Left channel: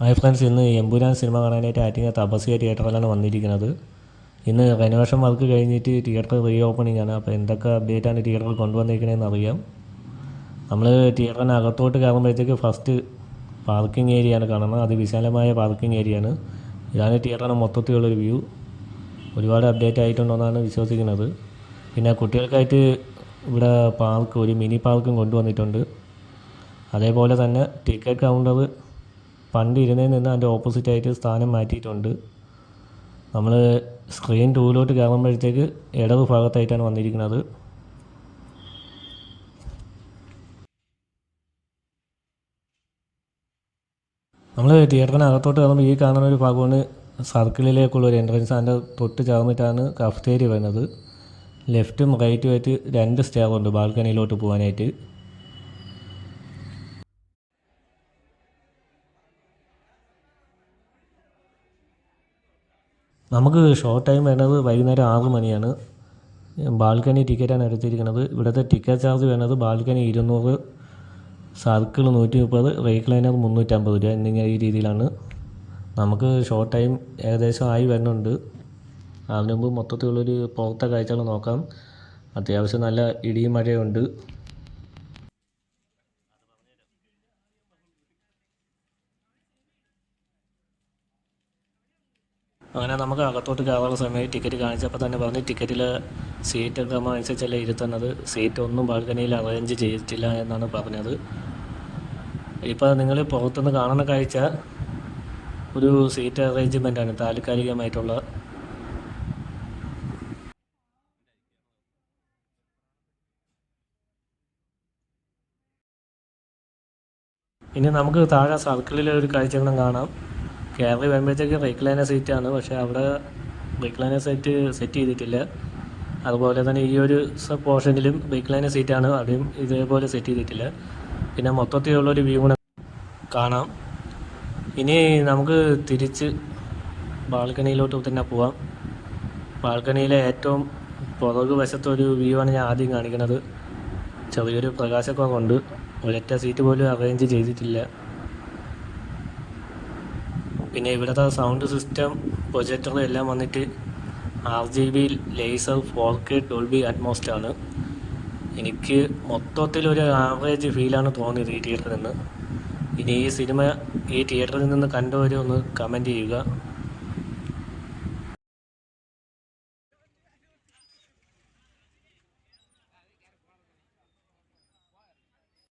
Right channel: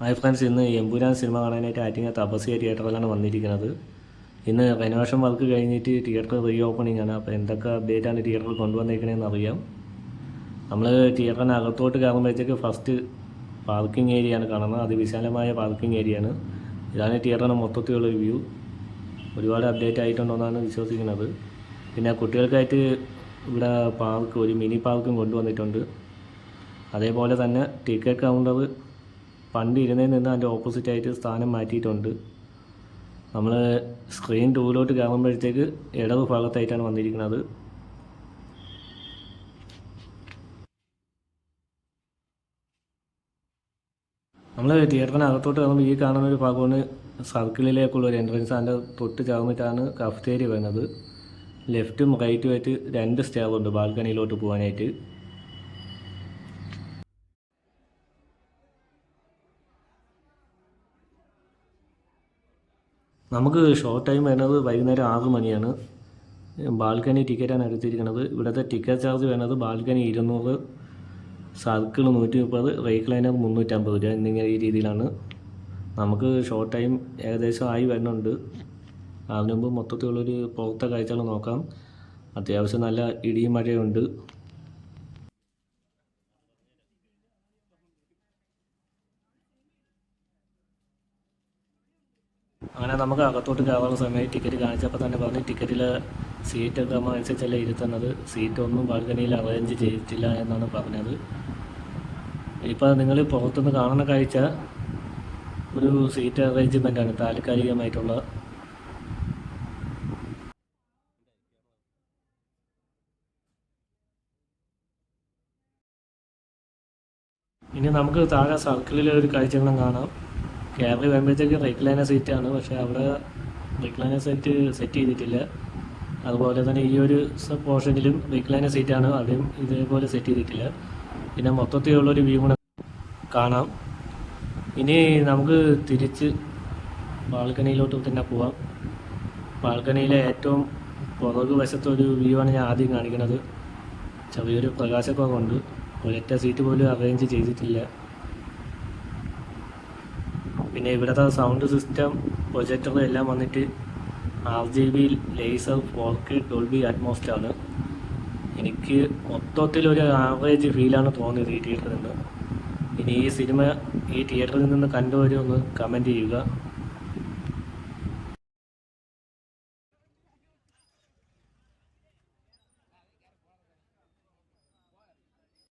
Hi friends, ഇന്ന് Empuraan cinema കാണാനായിട്ട് ആറ്റിങ്ങൽ തപസ്യ തിയേറ്ററിലാണ് വന്നിരിക്കുന്നത്. ഇന്ന് റെനോവേഷൻ വർക്ക് കഴിഞ്ഞിട്ട് തിയേറ്റർ റീ ഓപ്പണിംഗ് ആണ്. അപ്പോൾ എന്തൊക്കെ അപ്ഡേറ്റാണ് തിയേറ്ററിൽ കൊണ്ടുവന്നിരിക്കണമെന്ന് അറിയാം. നമ്മൾ തിയേറ്ററിന് അകത്തോട്ട് കയറുമ്പോഴത്തേക്ക് ഫസ്റ്റ് പാർക്കിംഗ് ഏരിയയാണ് കാണുന്നത്. അതിവിശാലമായ പാർക്കിംഗ് ഏരിയയാണ്. ഇതാണ് തിയേറ്ററിന് മൊത്തത്തിലുള്ളൊരു വ്യൂ. ഒരുപാട് അപ്ഡേറ്റ് ആയിട്ടുണ്ടെന്നാണ് വിശ്വസിക്കുന്നത്. പിന്നെ കുട്ടികൾക്കായിട്ട് ഇവിടെ ഒരു മിനി പാർക്കും കൊണ്ടുവന്നിട്ടുണ്ട്. അതേപോലെ തന്നെ ടിക്കറ്റ് കൗണ്ടർ പണ്ട് ഇരുന്നതിൽ നിന്ന് അതിൻ്റെ ഓപ്പോസിറ്റായിട്ട് സ്ഥാനം മാറ്റിയിട്ടുണ്ട്. നമ്മൾ സ്ക്രീൻ ടൂവിലോട്ട് കയറുമ്പോഴത്തേക്ക് ഇടത് ഭാഗത്തായിട്ടാണ് വന്നിരിക്കുന്നത്. നമ്മൾ തിയേറ്ററിനകത്തോട്ട് കയറുമ്പോൾ ഈ കാണുന്ന ഒരു ഭാഗമാണ് സർക്കിളിലേക്കുള്ള ഒരു എൻട്രൻസ്. അതിൻ്റെ തൊട്ട് ചേർന്നിട്ടാണ് കഫ്റ്റേരിയ വരുന്നത്. ലെഫ്റ്റും റൈറ്റും ആയിട്ട് 2 സ്റ്റെയറുണ്ട് ബാൽക്കണിയിലോട്ട് പോകാനായിട്ട്. നമുക്ക് ഷോ ടൈം വേണ്ടത് വൈകുന്നേരം 6 മണിയാണ്. ബാൽക്കണി ടിക്കറ്റാണ് എടുത്തിരിക്കുന്നത്. ഇവിടുത്തെ ടിക്കറ്റ് ചാർജ് വേണ്ടത് ബാൽക്കണി 200, സർക്കിൾ 130, റീക്ലൈനർ 350 രൂപ എന്നിങ്ങനെ ഈ രീതിയിലാണ്. നമുക്ക് ഷോ ടൈം ഏകദേശം ആയി വരുന്നുണ്ട്. അതിന് മുമ്പ് മൊത്തത്തിലുള്ളൊരു പുറത്തെ കാഴ്ചകൾ നോക്കാം. അത്യാവശ്യം നല്ല ഇടിയും മഴയുണ്ട്. അങ്ങനെ നമുക്ക് അകത്തോട്ട് കയറുന്ന സമയത്ത് ടിക്കറ്റ് കാണിച്ചപ്പോൾ തന്നെ പറഞ്ഞ് ടിക്കറ്റിൽ സീറ്റ് ക്രമമനുസരിച്ചല്ല ഇരുത്തുന്നത്. സീറ്റ് ഒന്നും ബാൽക്കണിയിൽ അറേഞ്ച് ചെയ്തിട്ടില്ല എന്നാണ് പറഞ്ഞത്. ഇപ്പോൾ നിങ്ങൾ പുറത്തുനിന്ന് കാണുന്ന കാഴ്ച ഒരു സീറ്റ് അറേഞ്ച്മെൻ്റാണ്, താൽക്കാലികമായിട്ടുള്ള. ഇനി നമുക്ക് താഴെ സർക്കിളിലെ ഒരു കാഴ്ചകളും കാണാം. കയറി വരുമ്പോഴത്തേക്ക് റീക്ലൈനർ സീറ്റാണ്, പക്ഷേ അവിടെ റീക്ലൈനർ സെറ്റ് ചെയ്തിട്ടില്ല. അതുപോലെ തന്നെ ഈ ഒരു പോർഷനിലും റീക്ലൈനർ സീറ്റാണ്, അതും ഇതേപോലെ സെറ്റ് ചെയ്തിട്ടില്ല. പിന്നെ മൊത്തത്തിലുള്ളൊരു വ്യൂ കൂടെ കാണാം. ഇനി നമുക്ക് തിരിച്ച് ബാൽക്കണിയിലോട്ട് തന്നെ പോവാം. ബാൽക്കണിയിലെ ഏറ്റവും പുറകു വശത്തൊരു വ്യൂ ആണ് ഞാൻ ആദ്യം കാണിക്കുന്നത്. ചെറിയൊരു പ്രകാശക്കുറവുണ്ട്. ഒരൊറ്റ സീറ്റ് പോലും അറേഞ്ച് ചെയ്തിട്ടില്ല. പിന്നെ ഇവിടുത്തെ സൗണ്ട് സിസ്റ്റം, പ്രൊജക്ടർ എല്ലാം വന്നിട്ട് RGB laser 4K Dolby utmost ആണ്. എനിക്ക് മൊത്തത്തിലൊരു ആവറേജ് ഫീലാണ് തോന്നിയത് ഈ തിയേറ്ററിൽ നിന്ന്. ഇനി ഈ സിനിമ ഈ തിയേറ്ററിൽ നിന്ന് കണ്ടുവരുമെന്ന് കമൻറ്റ് ചെയ്യുക.